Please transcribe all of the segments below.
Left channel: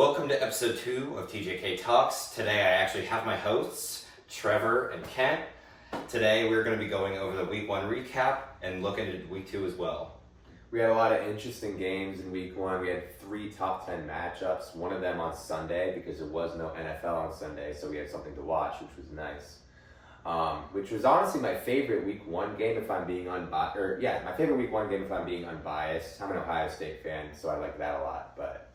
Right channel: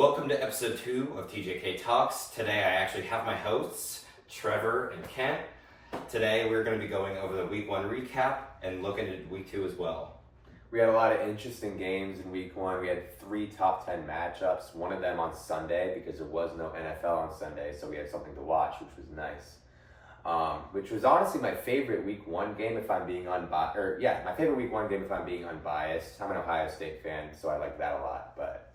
Welcome to episode 2 of TJK Talks. Today I actually have my hosts, Trevor and Kent. Today we're going to be going over the week 1 recap and looking at week 2 as well. We had a lot of interesting games in week 1. We had 3 top 10 matchups, one of them on Sunday because there was no NFL on Sunday, so we had something to watch, which was nice. Which was honestly my favorite week 1 game if I'm being unbiased. My favorite week 1 game if I'm being unbiased. I'm an Ohio State fan, so I like that a lot. But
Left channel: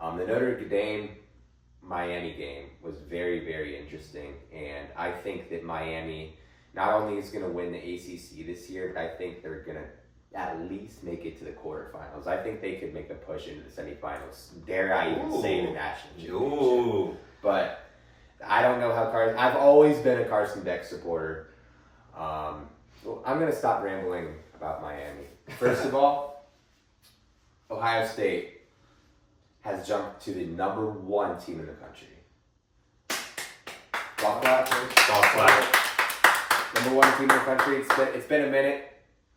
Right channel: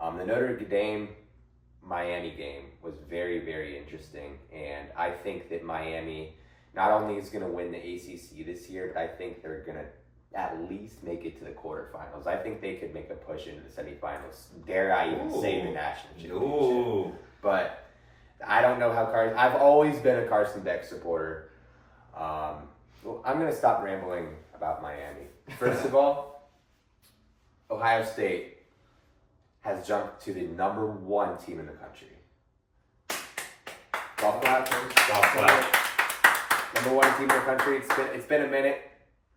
the Notre Dame-Miami game was very, very interesting. And I think that Miami not only is going to win the ACC this year, but I think they're going to at least make it to the quarterfinals. I think they could make a push into the semifinals. Dare I even say the national championship. But I don't know how I've always been a Carson Beck supporter. I'm going to stop rambling about Miami. First of all, Ohio State has jumped to the number 1 team in the country. Golf clap. Number 1 team in the country. It's been a minute.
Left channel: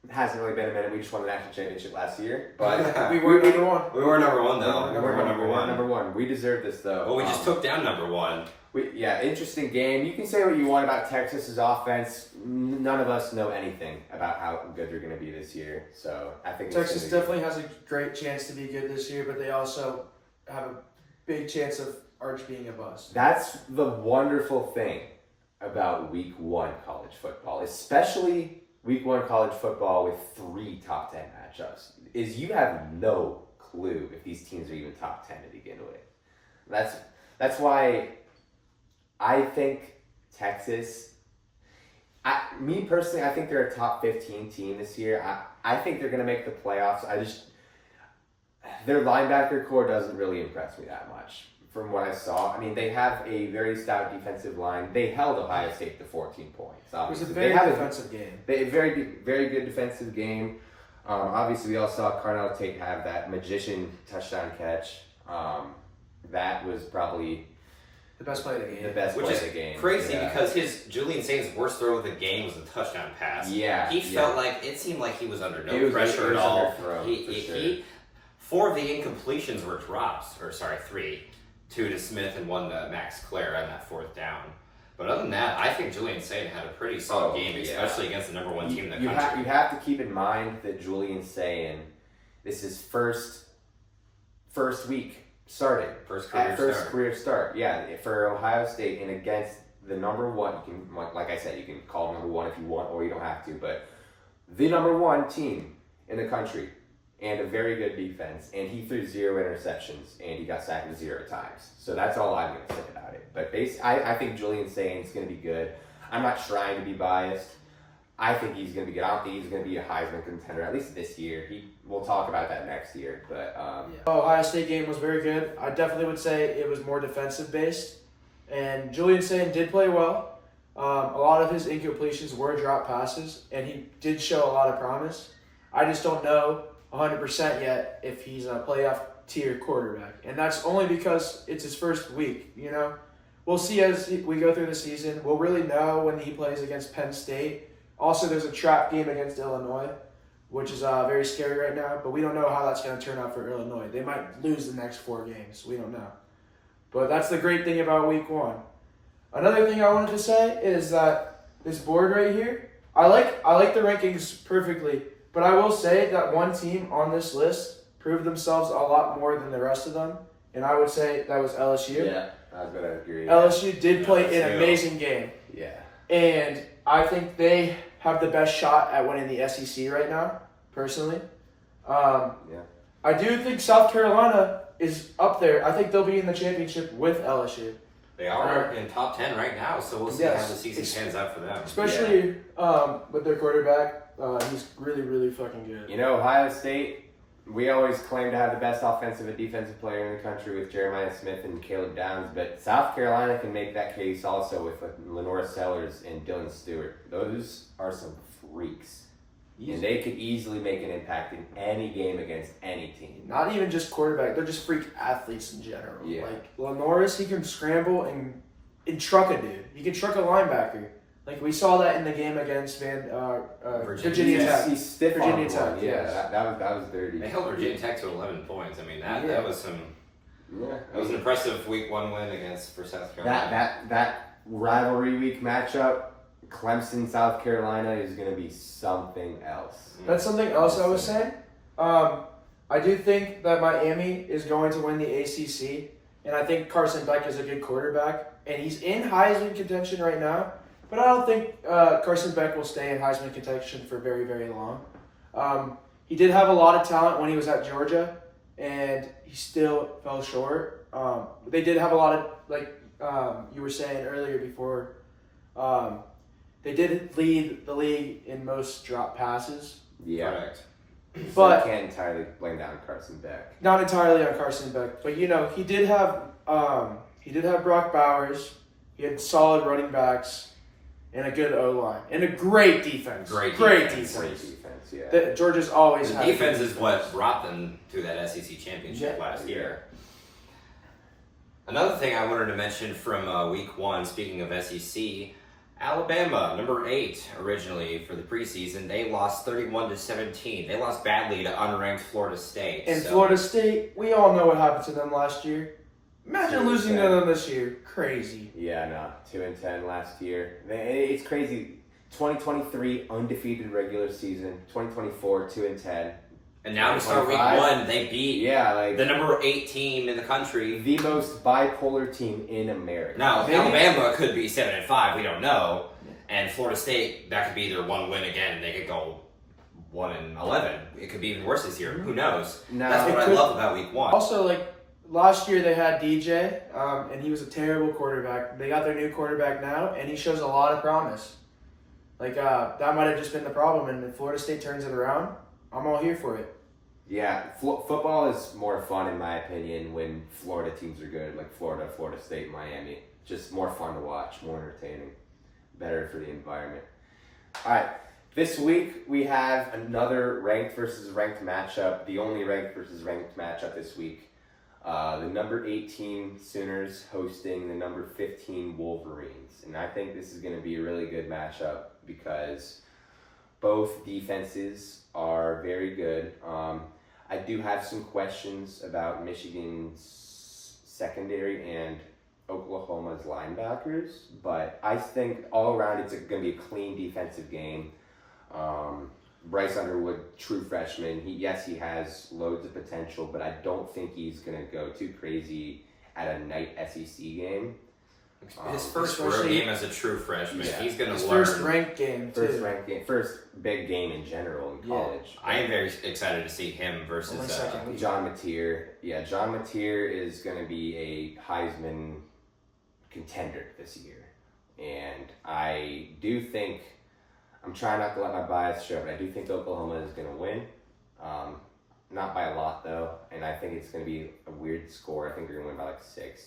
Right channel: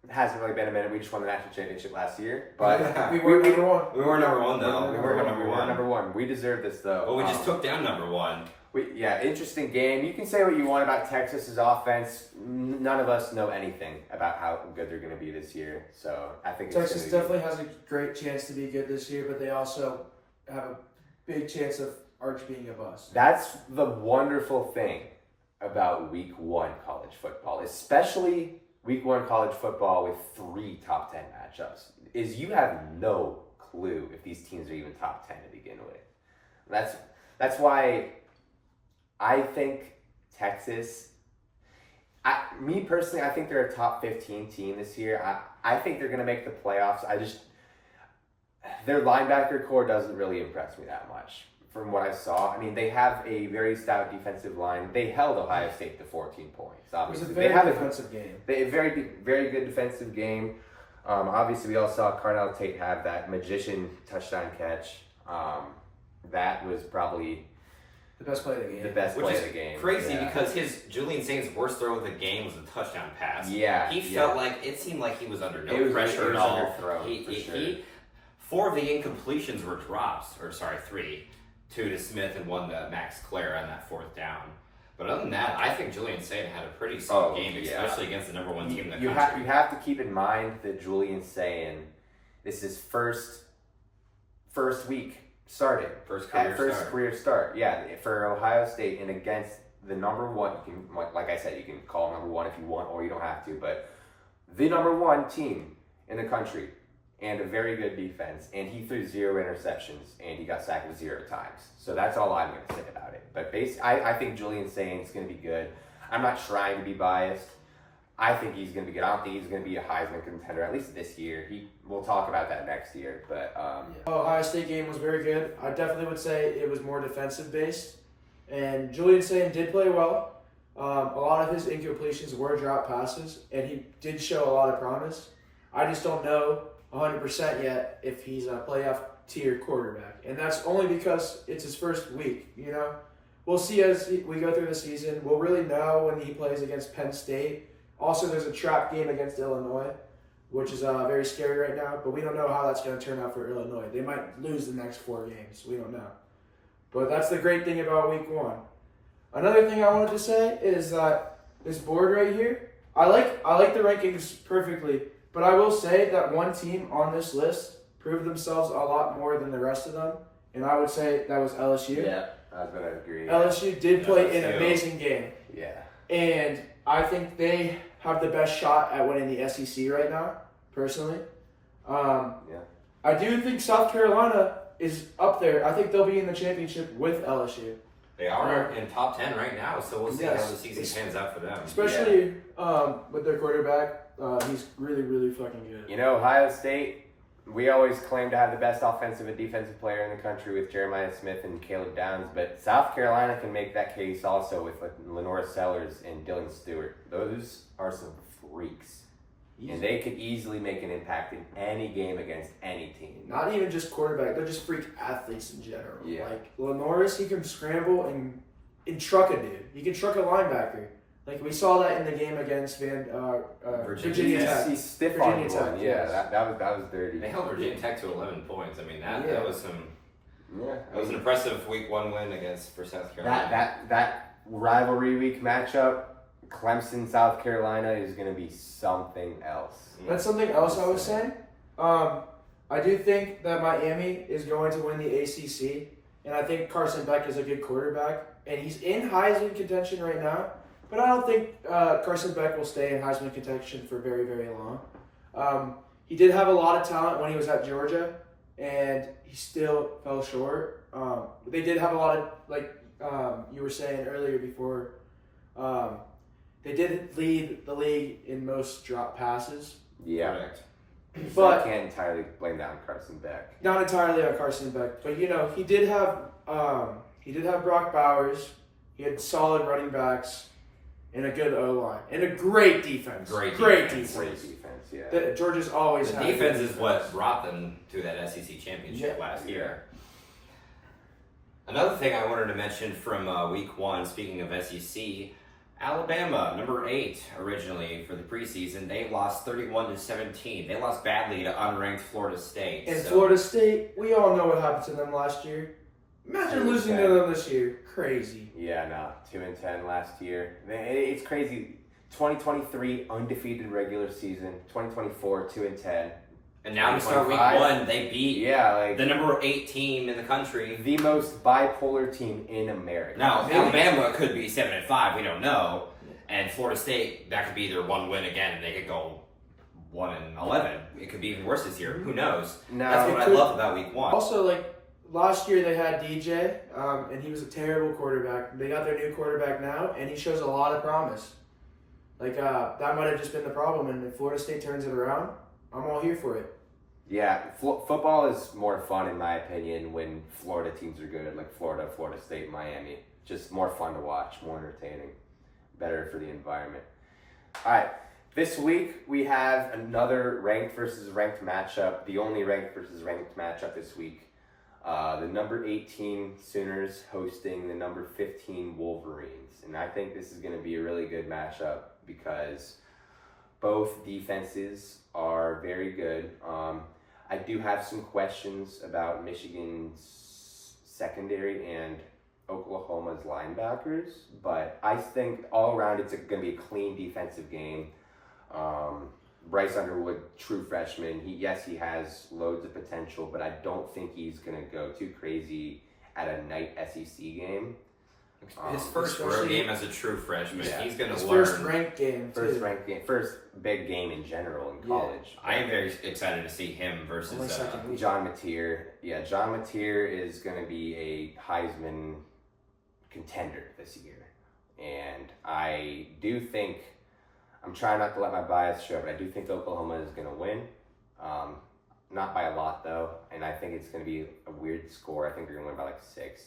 It hasn't really been a minute. We just won the national championship last year, but we were number 1. We were number 1 though. We were number one. We deserve this though. Well, we just took down number 1. Interesting game. You can say what you want about Texas's offense. None of us know anything about how good they're going to be this year. So I think Texas definitely has a great chance to be good this year, but they also have a big chance of Arch being a bust. That's the wonderful thing about week 1 college football, especially week 1 college football with 3 top 10 matchups, is you have no clue if these teams are even top 10 to begin with. That's why I think Texas, me personally, I think they're a top 15 team this year. I think they're going to make the playoffs. Their linebacker core doesn't really impress me that much from what I saw. I mean, they have a very stout defensive line. They held Ohio State to 14 points. Obviously, it was a very defensive game. A very good defensive game. Obviously, we all saw Carnell Tate have that magician touchdown catch. That was probably the best play of the game. The best play of the game. Crazy because his Julian Saint's worst throw of the game was a touchdown pass. Yeah. He felt like it seemed like he was under no pressure at all. Sure. 4 of the incompletions were drops, 3. 2 to Smith and 1 to Max Clare on that 4th down. But other than that, I think Julian Saint had a pretty solid game, especially against the number 1 team in the country. You have to keep in mind that Julian Saint, this is first week starting. First career start. Yeah, for Ohio State and against the number 1, like I said, you can call him number 1 if you want or you don't have to, but the number 1 team in the country and a very good defense, and he threw 0 interceptions and he got sacked 0 times. So that's all I'm going to say about it. But I think Julian Saint's going to be good. I'm not trying to be biased. I think he's going to be good. I don't think he's going to be a Heisman contender, at least this year. We'll talk about that next year. But Ohio State game was very good. I definitely would say it was more defensive based. And Julian Saint did play well. A lot of his incompletions were drop passes, and he did show a lot of promise. I just don't know 100% yet if he's a playoff tier quarterback. And that's only because it's his first week, you know. We'll see as we go through the season. We'll really know when he plays against Penn State. Also, there's a trap game against Illinois, which is very scary right now. But we don't know how that's going to turn out for Illinois. They might lose the next 4 games. We don't know. But that's the great thing about week 1. Another thing I wanted to say is that this board right here, I like the rankings perfectly. But I will say that one team on this list proved themselves a lot more than the rest of them. And I would say that was LSU. Yeah, I was going to agree. LSU did play an amazing game. Yeah. And I think they have the best shot at winning the SEC right now, personally. I do think South Carolina is up there. I think they'll be in the championship with LSU. They are in top 10 right now, so we'll see how the season pans out for them. Especially with their quarterback. He's really, really fucking good. You know, Ohio State, we always claim to have the best offensive and defensive player in the country with Jeremiah Smith and Caleb Downs, but South Carolina can make that case also with Lenore Sellers and Dylan Stewart. Those are some freaks. And they could easily make an impact in any game against any team. Not even just quarterback, they're just freak athletes in general. Yeah. Like, Lenoris, he can scramble and truck a dude. He can truck a linebacker. Like, we saw that in the game against Virginia Tech. He's stiff Virginia on Tech, one. yes. Yeah, that was dirty. They held Virginia Tech to 11 points. I mean, that was some Yeah, It was an impressive week 1 win for South Carolina. that rivalry week matchup, Clemson, South Carolina, is going to be something else. That's something else I was saying. I do think that Miami is going to win the ACC, and I think Carson Beck is a good quarterback, and he's in Heisman contention right now. But I don't think Carson Beck will stay in Heisman contention for very, very long. He did have a lot of talent when he was at Georgia, and he still fell short. They did have a lot of, like you were saying earlier before, they did lead the league in most drop passes. Yeah. Correct. So But you can't entirely blame that on Carson Beck. not entirely on Carson Beck, but he did have Brock Bowers. He had solid running backs and a good O line and a great defense. Great defense. Great defense, yeah. Georgia's always The had defense good is what brought them to that SEC championship last year. Another thing I wanted to mention from week 1, speaking of SEC, Alabama, number 8 originally for the preseason, they lost 31-17. They lost badly to unranked Florida State. And Florida State, we all know what happened to them last year. Imagine losing to them this year. Crazy. Yeah, no. 2-10 last year. It's crazy. 2023 undefeated regular season. 2024 2-10. And now to start week 1, they beat the number 8 team in the country. The most bipolar team in America. Now, Alabama could be 7-5, we don't know. And Florida State, that could be their 1 win again, and they could go 1-11. It could be even worse this year. Who knows? That's what I love about week 1. Also, last year they had DJ, and he was a terrible quarterback. They got their new quarterback now, and he shows a lot of promise. That might have just been the problem, and if Florida State turns it around, I'm all here for it. Yeah, football is more fun, in my opinion, when Florida teams are good, like Florida State, Miami. Just more fun to watch, more entertaining, better for the environment. All right, this week we have another ranked versus ranked matchup, the only ranked versus ranked matchup this week. The number 18 Sooners hosting the number 15 Wolverines. And I think this is going to be a really good matchup because both defenses are very good. I do have some questions about Michigan's secondary and Oklahoma's linebackers, but I think all around it's going to be a clean defensive game. Bryce Underwood, true freshman. He has loads of potential, but I don't think he's going to go too crazy at a night SEC game. His first road game as a true freshman. Yeah. He's going to learn. First ranked game, too. First big game in general in college. I am very excited to see him versus John Mateer. Yeah, John Mateer is going to be a Heisman contender this year. And I do think, I'm trying not to let my bias show, but I do think Oklahoma is going to win. Not by a lot, though. And I think it's going to be a weird score. I think they're going to win by 6.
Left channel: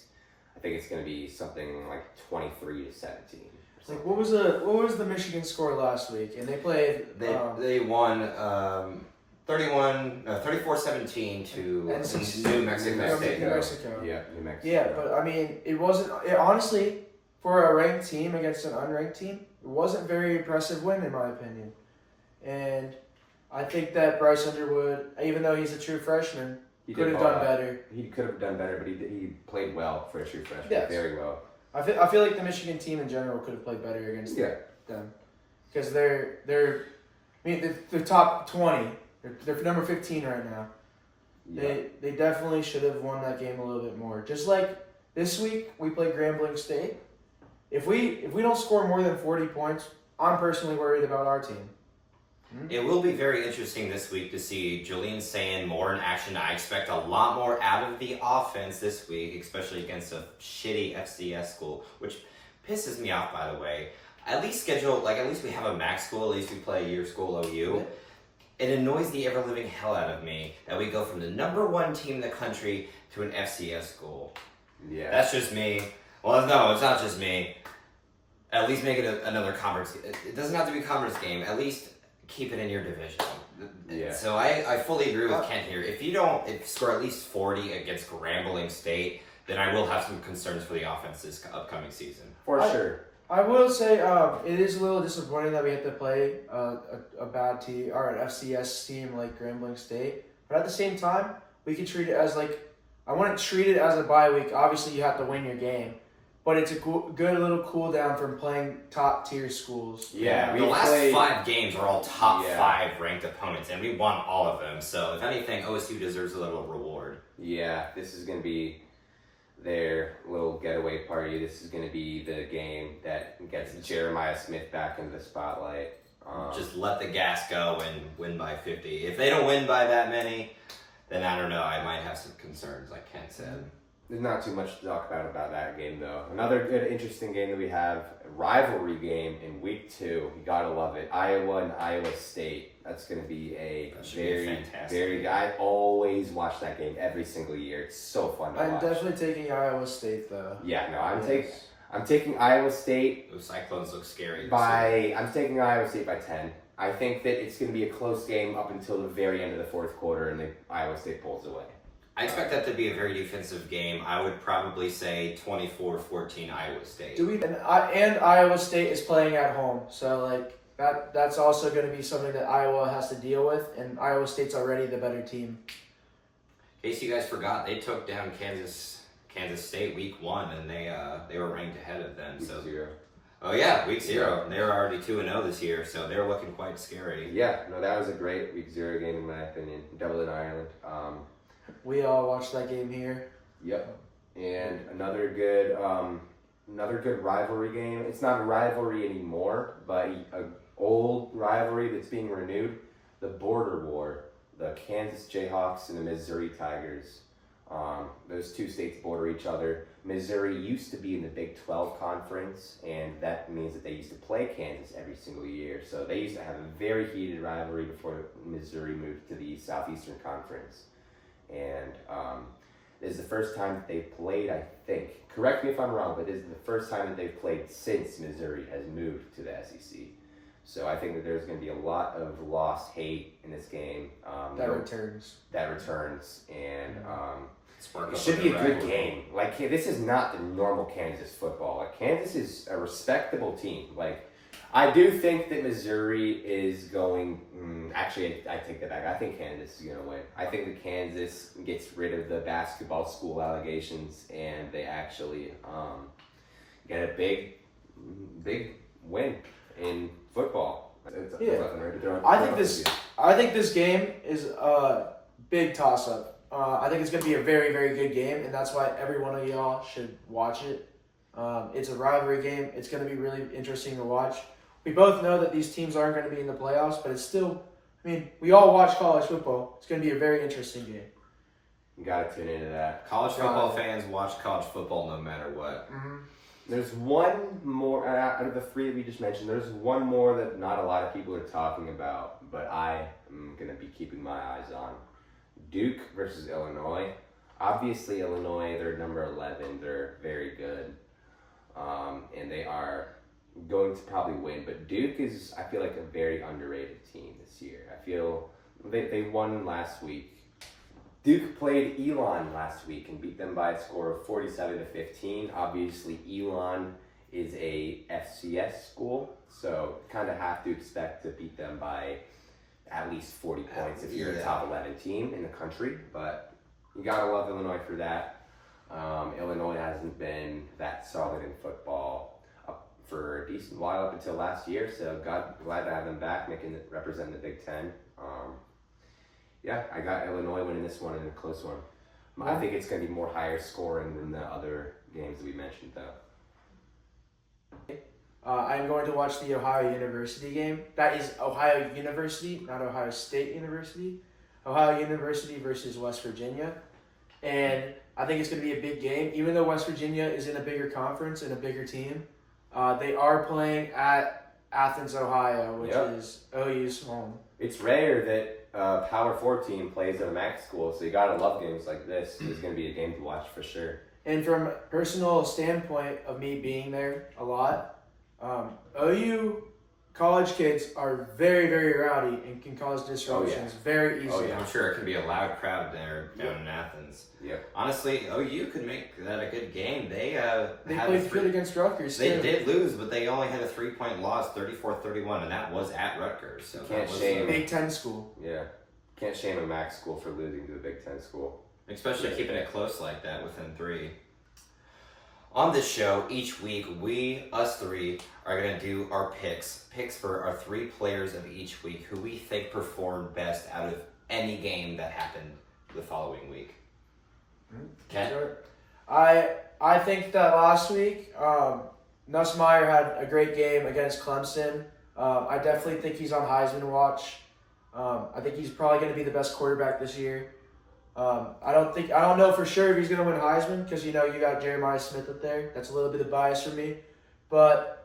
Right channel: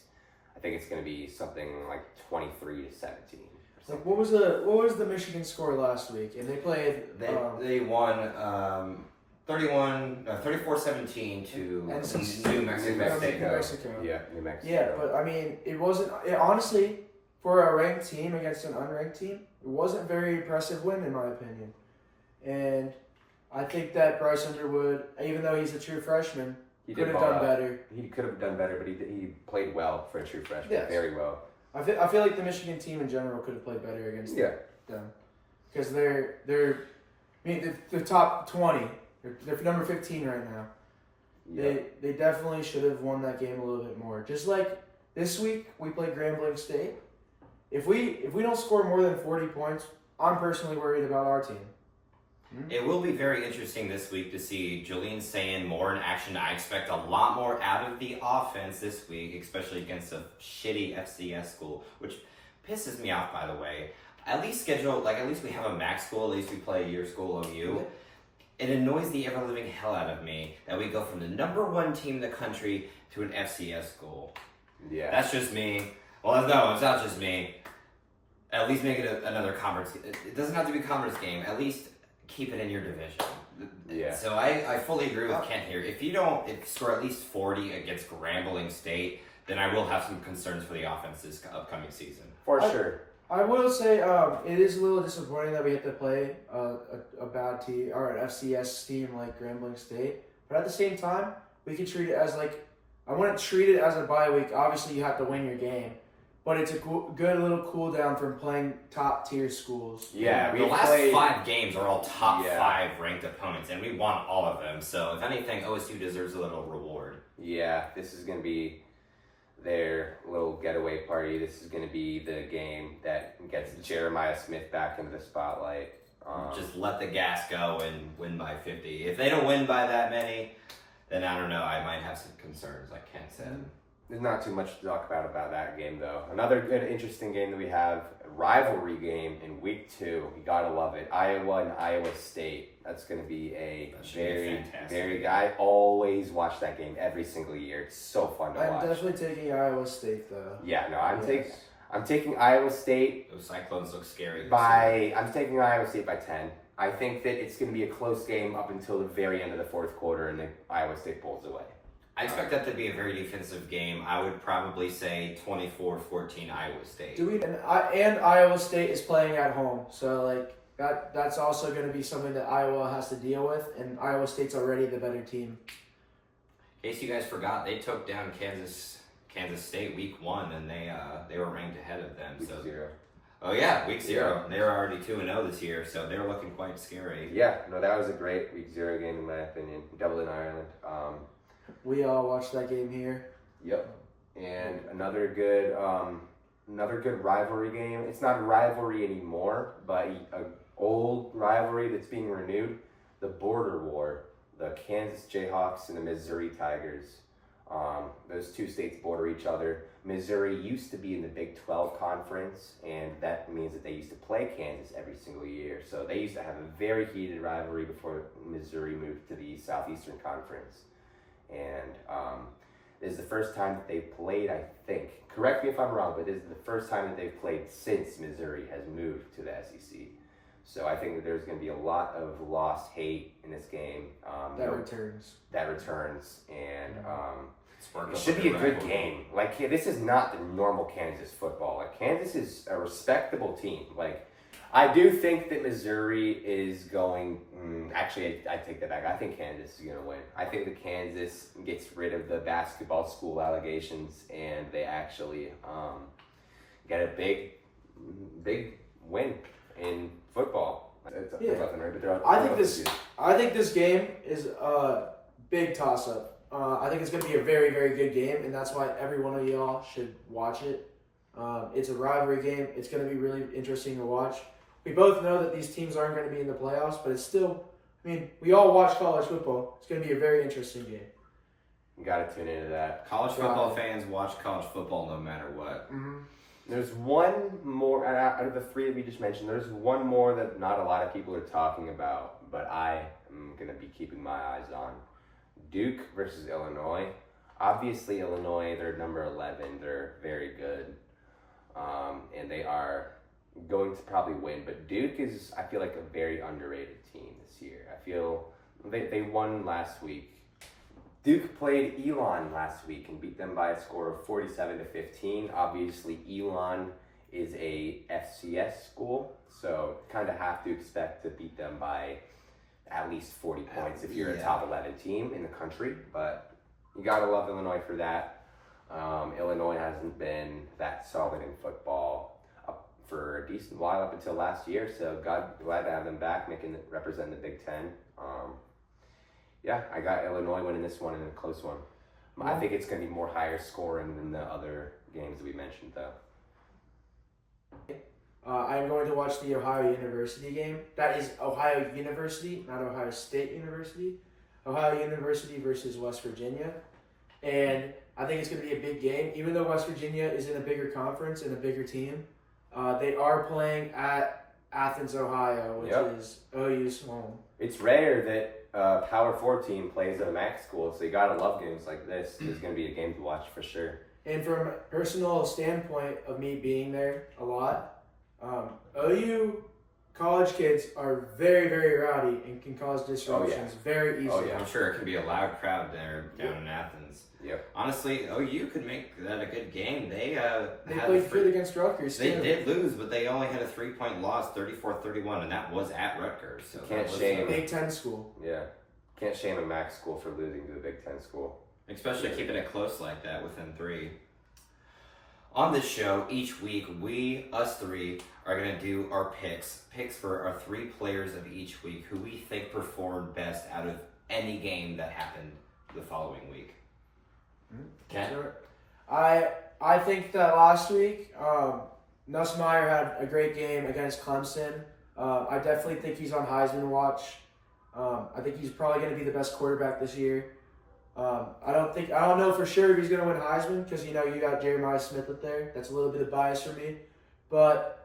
I think it's going to be something like 23-17. What was the Michigan score last week? And they played. They won 34-17 to New Mexico. Yeah, New Mexico. Yeah, but I mean, it wasn't. Honestly, for a ranked team against an unranked team, it wasn't a very impressive win in my opinion. And I think that Bryce Underwood, even though he's a true freshman, could have done better. He could have done better, but he played well for a true freshman. Yes. Very well. I feel like the Michigan team in general could have played better against them because they're top 20. They're number 15 right now. Yeah. They definitely should have won that game a little bit more. Just like this week we played Grambling State. If we don't score more than 40 points, I'm personally worried about our team. It will be very interesting this week to see Julian Sayin more in action. I expect a lot more out of the offense this week, especially against a shitty FCS school, which pisses me off, by the way. At least we have a MAC school, at least we play a year school OU. It annoys the ever-living hell out of me that we go from the number 1 team in the country to an FCS school. Yeah. That's just me. Well, no, it's not just me. At least make it another conference. It doesn't have to be a conference game. At least keep it in your division. Yeah. So I fully agree with Kent here. If you don't score at least 40 against Grambling State, then I will have some concerns for the offense this upcoming season. For sure. I will say it is a little disappointing that we have to play a bad team or an FCS team like Grambling State. But at the same time, we can treat it as like I wouldn't treat it as a bye week. Obviously, you have to win your game, but it's a good little cool down from playing top tier schools. Yeah, the last 5 games are all top 5 ranked opponents, and we won all of them. So if anything, OSU deserves a little reward. Yeah, this is going to be their little getaway party. This is going to be the game that gets Jeremiah Smith back into the spotlight. Just let the gas go and win by 50. If they don't win by that many, then I don't know. I might have some concerns, like Ken said. There's not too much to talk about that game, though. Another good, interesting game that we have, rivalry game in week 2. You gotta love it. Iowa and Iowa State. That's gonna be very. I always watch that game every single year. It's so fun to watch. I'm definitely taking Iowa State, though. Yeah, no, I'm taking Iowa State. Those Cyclones look scary. I'm taking Iowa State by 10. I think that it's going to be a close game up until the very end of the fourth quarter, and then Iowa State pulls away. I expect that to be a very defensive game. I would probably say 24-14 Iowa State. And Iowa State is playing at home, so like that's also going to be something that Iowa has to deal with, and Iowa State's already the better team. In case you guys forgot, they took down Kansas State week 1, and they were ranked ahead of them. Week 0. Oh yeah, week 0. They were already 2-0 this year, so they're looking quite scary. Yeah, no, that was a great week 0 game in my opinion. Dublin, Ireland. We all watched that game here. Yep, and another good rivalry game. It's not a rivalry anymore, but an old rivalry that's being renewed. The border war, the Kansas Jayhawks and the Missouri Tigers. Those two states border each other. Missouri used to be in the Big 12 conference, and that means that they used to play Kansas every single year. So they used to have a very heated rivalry before Missouri moved to the Southeastern Conference. And this is the first time that they've played, I think. Correct me if I'm wrong, but this is the first time that they've played since Missouri has moved to the SEC. So I think that there's going to be a lot of lost hate in this game. That returns, and it should be a good game. Like, this is not the normal Kansas football. Like, Kansas is a respectable team. Like, I do think that Missouri is going. Actually, I take that back. I think Kansas is going to win. I think that Kansas gets rid of the basketball school allegations, and they actually get a big win in football. I think this game is a big toss-up. I think it's going to be a very, very good game, and that's why every one of y'all should watch it. It's a rivalry game. It's going to be really interesting to watch. We both know that these teams aren't going to be in the playoffs, but it's still, we all watch college football. It's going to be a very interesting game. You got to tune into that. College football fans watch college football no matter what. Mm-hmm. There's one more, out of the 3 that we just mentioned, there's one more that not a lot of people are talking about, but I am going to be keeping my eyes on. Duke versus Illinois. Obviously, Illinois, they're number 11. They're very good. And they are going to probably win. But Duke is, I feel like, a very underrated team this year. I feel they won last week. Duke played Elon last week and beat them by a score of 47-15. Obviously, Elon is a FCS school, so kind of have to expect to beat them by at least 40 points if you're a top 11 team in the country. But you gotta love Illinois for that. Illinois hasn't been that solid in football for a decent while up until last year, so glad to have them back, representing the Big Ten. I got Illinois winning this one in a close one. I think it's going to be more higher scoring than the other games that we mentioned, though. I'm going to watch the Ohio University game. That is Ohio University, not Ohio State University. Ohio University versus West Virginia. And I think it's going to be a big game. Even though West Virginia is in a bigger conference and a bigger team, they are playing at Athens, Ohio, which is OU's home. It's rare that Power 4 team plays at a MAC school, so you gotta love games like this. It's gonna be a game to watch for sure. And from a personal standpoint of me being there a lot, OU college kids are very, very rowdy and can cause disruptions very easily. I'm sure it can be a loud crowd there down in Athens. Yep. Honestly, OU could make that a good game. They played good against Rutgers. They did lose, but they only had a 3-point loss, 34-31, and that was at Rutgers. So can't shame Big Ten school. Yeah, can't shame a MAC school for losing to the Big Ten school. especially keeping it close like that within 3. On this show, each week, us 3, are going to do our picks for our 3 players of each week who we think performed best out of any game that happened the following week. Okay? Sure. I think that last week, Nussmeier had a great game against Clemson. I definitely think he's on Heisman watch. I think he's probably going to be the best quarterback this year. I don't know for sure if he's going to win Heisman because, you got Jeremiah Smith up there. That's a little bit of bias for me. But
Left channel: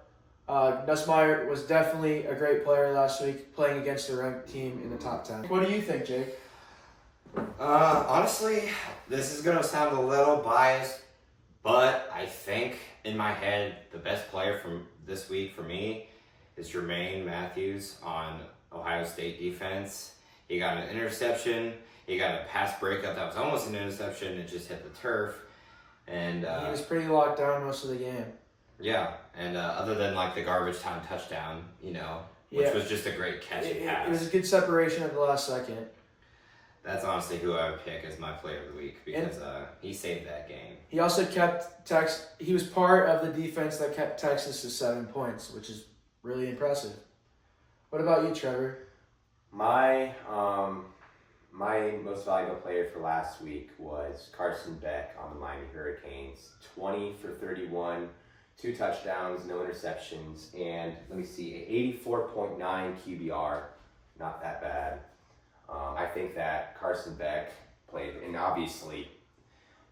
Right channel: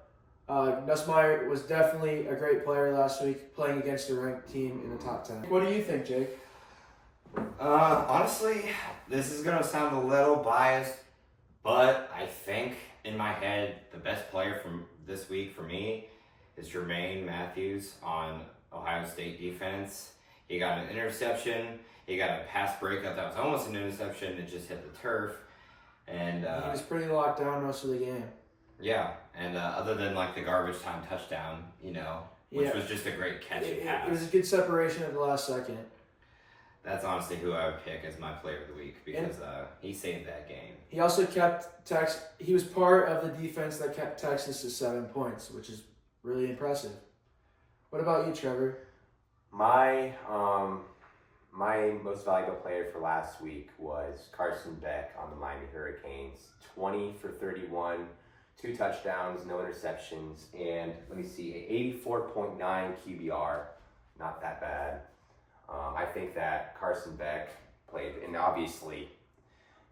Nussmeier was definitely a great player last week playing against a ranked team in the top 10. What do you think, Jake? Honestly, this is going to sound a little biased, but I think in my head, the best player from this week for me is Jermaine Matthews on Ohio State defense. He got an interception. He got a pass breakup that was almost an interception. It just hit the turf. And he was pretty locked down most of the game. Yeah, and other than like the garbage time touchdown, which was just a great catchy pass. It was a good separation at the last second. That's honestly who I would pick as my player of the week because he saved that game. He also kept he was part of the defense that kept Texas to 7 points, which is really impressive. What about you, Trevor? My most valuable player for last week was Carson Beck on the Miami Hurricanes. 20 for 31, 2 touchdowns, no interceptions, and let me see, an 84.9 QBR. Not that bad. I think that Carson Beck played, and obviously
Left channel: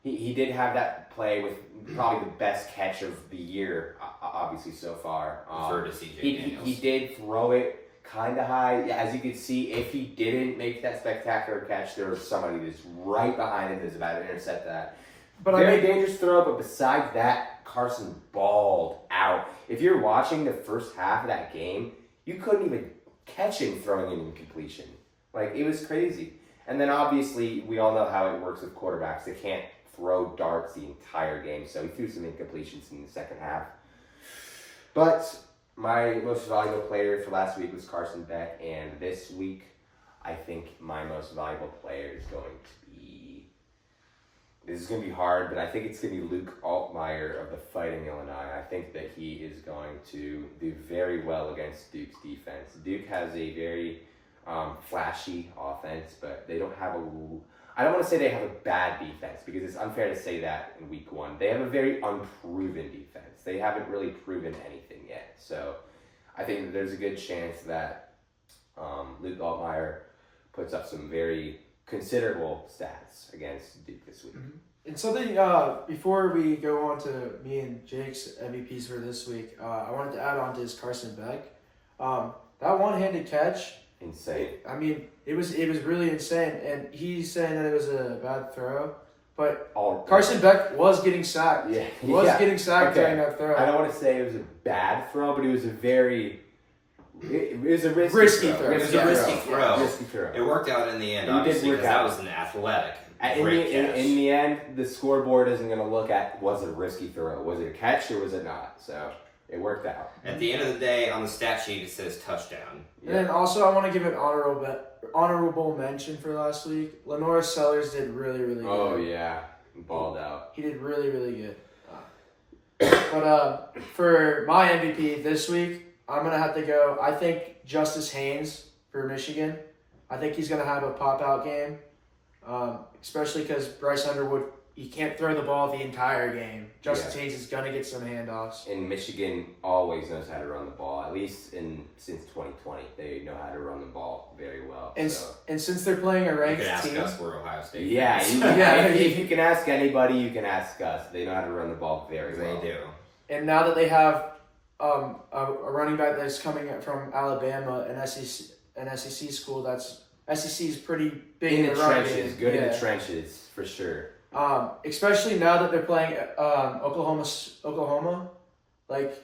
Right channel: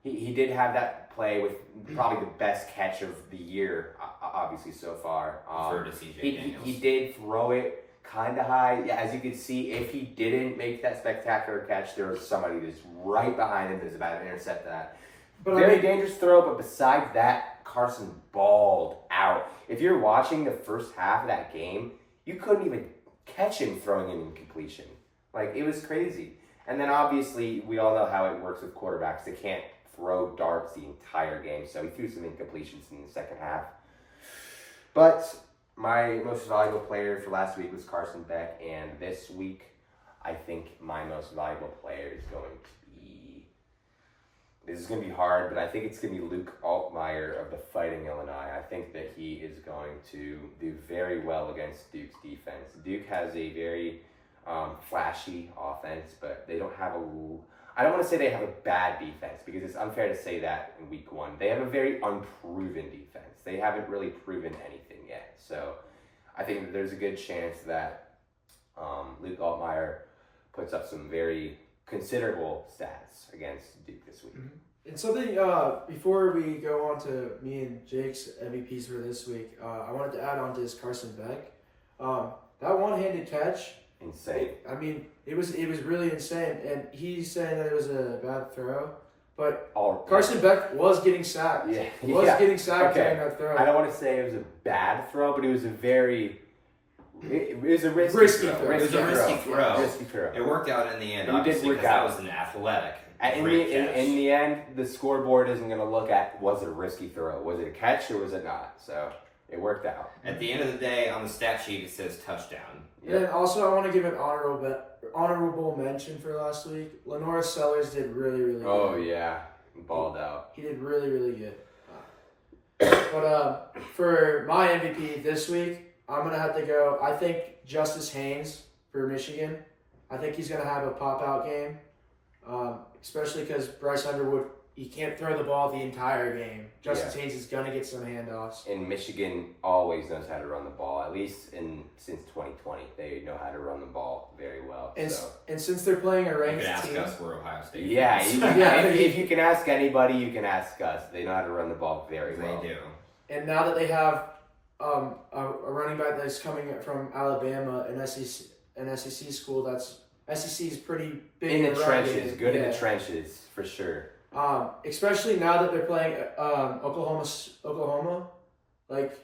he did have that play with probably the best catch of the year, obviously so far. Refer to CJ Daniels. He did throw it kind of high. Yeah, as you can see, if he didn't make that spectacular catch, there was somebody that's right behind him that's about to intercept that. But very dangerous throw, but besides that, Carson balled out. If you're watching the first half of that game, you couldn't even catch him throwing an incompletion. Like, it was crazy. And then obviously, we all know how it works with quarterbacks. They can't throw darts the entire game, so he threw some incompletions in the second half. But my most valuable player for last week was Carson Beck, and this week, I think my most valuable player is going to be... This is going to be hard, but I think it's going to be Luke Altmaier of the Fighting Illini. I think that he is going to do very well against Duke's defense. Duke has a very flashy offense, but they don't have I don't want to say they have a bad defense because it's unfair to say that in week 1. They have a very unproven defense. They haven't really proven anything yet. So I think that there's a good chance that Luke Altmaier puts up some very considerable stats against Duke this week. Mm-hmm. And something, before we go on to me and Jake's MVPs for this week, I wanted to add on to this Carson Beck. That one-handed catch, insane. I mean, it was really insane, and he's saying that it was a bad throw, but Carson Beck was getting sacked. Yeah, he was getting sacked during that throw. I don't want to say it was a bad throw, but it was a very... It was a risky throw. It was a risky throw. Risky throw. It worked out in the end, It did work out. That was an athletic, in the end, the scoreboard isn't going to look at, was it a risky throw? Was it a catch or was it not? So... It worked out. At the end of the day, on the stat sheet, it says touchdown. And then also, I want to give an honorable mention for last week. Lenore Sellers did really, really good. Oh, yeah. Balled out. He did really, really good. But for my MVP this week, I'm going to have to go, I think Justice Haynes for Michigan. I think he's going to have a pop-out game, especially because Bryce Underwood, he can't throw the ball the entire game. Justice Haynes is going to get some handoffs. And Michigan always knows how to run the ball, at least since 2020. They know how to run the ball very well. And since they're playing a ranked team... You can ask us, we're Ohio State. Yeah, if you can ask anybody, you can ask us. They know how to run the ball very well. They do. And now that they have a running back that's coming from Alabama, an SEC school, SEC is pretty big in the trenches, good in the trenches, for sure. Especially now that they're playing Oklahoma, like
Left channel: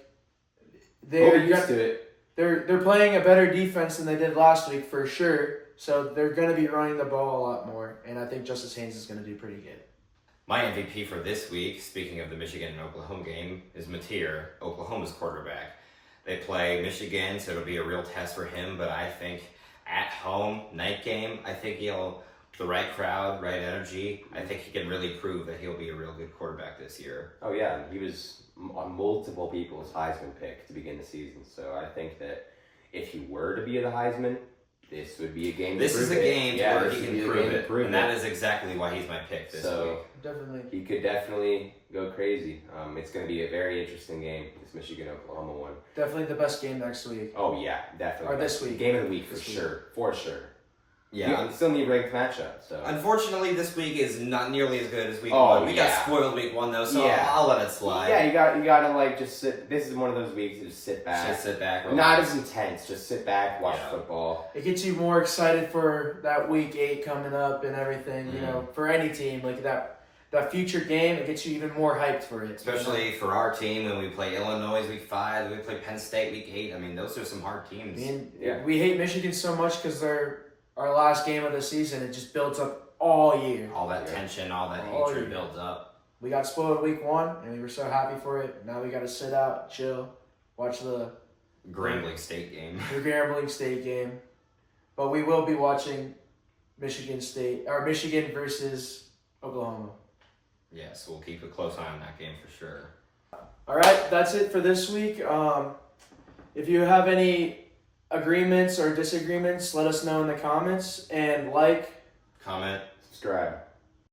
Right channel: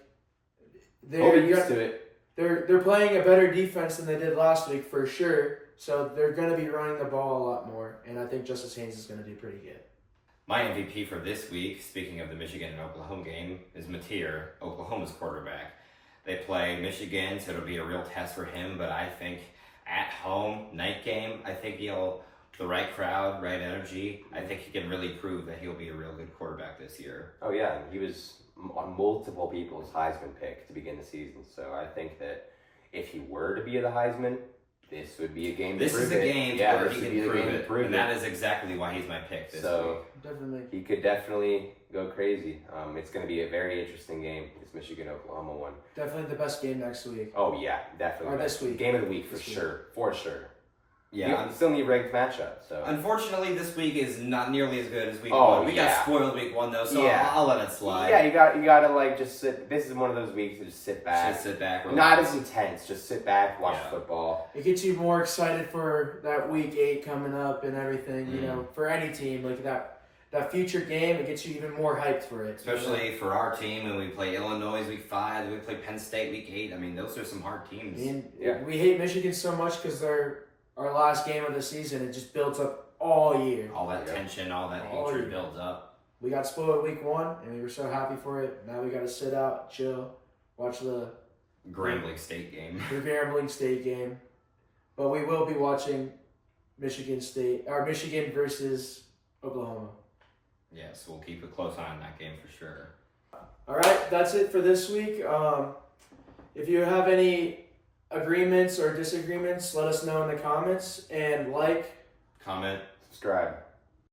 they're used to it. They're playing a better defense than they did last week for sure. So they're going to be running the ball a lot more, and I think Justice Haynes is going to do pretty good. My MVP for this week, speaking of the Michigan and Oklahoma game, is Mateer, Oklahoma's quarterback. They play Michigan, so it'll be a real test for him. But I think at home, night game, I think he'll the right crowd, right energy, I think he can really prove that he'll be a real good quarterback this year. Oh yeah, and he was on multiple people's Heisman pick to begin the season. So I think that if he were to be the Heisman, this would be a game. This is a game where he can prove it, and that is is exactly why he's my pick this week. Definitely. He could definitely go crazy. It's going to be a very interesting game. This Michigan-Oklahoma one. Definitely the best game next week. Oh yeah, definitely. Or this week. Game of the week This for week. sure. For sure. Yeah. You still need ranked matchup. So Unfortunately, this week is not nearly as good as week Oh, one. We yeah. got spoiled week one though, so Yeah. I'll let it slide. yeah, you got to like just sit. This is one of those weeks to just sit back. Just sit back. Not relax. as intense. Just sit back, watch Yeah. football. It gets you more excited for that week 8 coming up and everything. You know, for any team like that future game, it gets you even more hyped for it. Especially for our team when we play Illinois week 5, we play Penn State week 8. I mean, those are some hard teams. Yeah. We hate Michigan so much because they're our last game of the season. It just builds up all year. All that tension, all that All hatred year. builds up. We got spoiled week 1, and we were so happy for it. Now we got to sit out, chill, watch the Grambling State game. Grambling State game. But we will be watching Michigan versus Oklahoma. Yes, we'll keep a close eye on that game for sure. All right, that's it for this week. If you have any agreements or disagreements, let us know in the comments and Comment. Subscribe.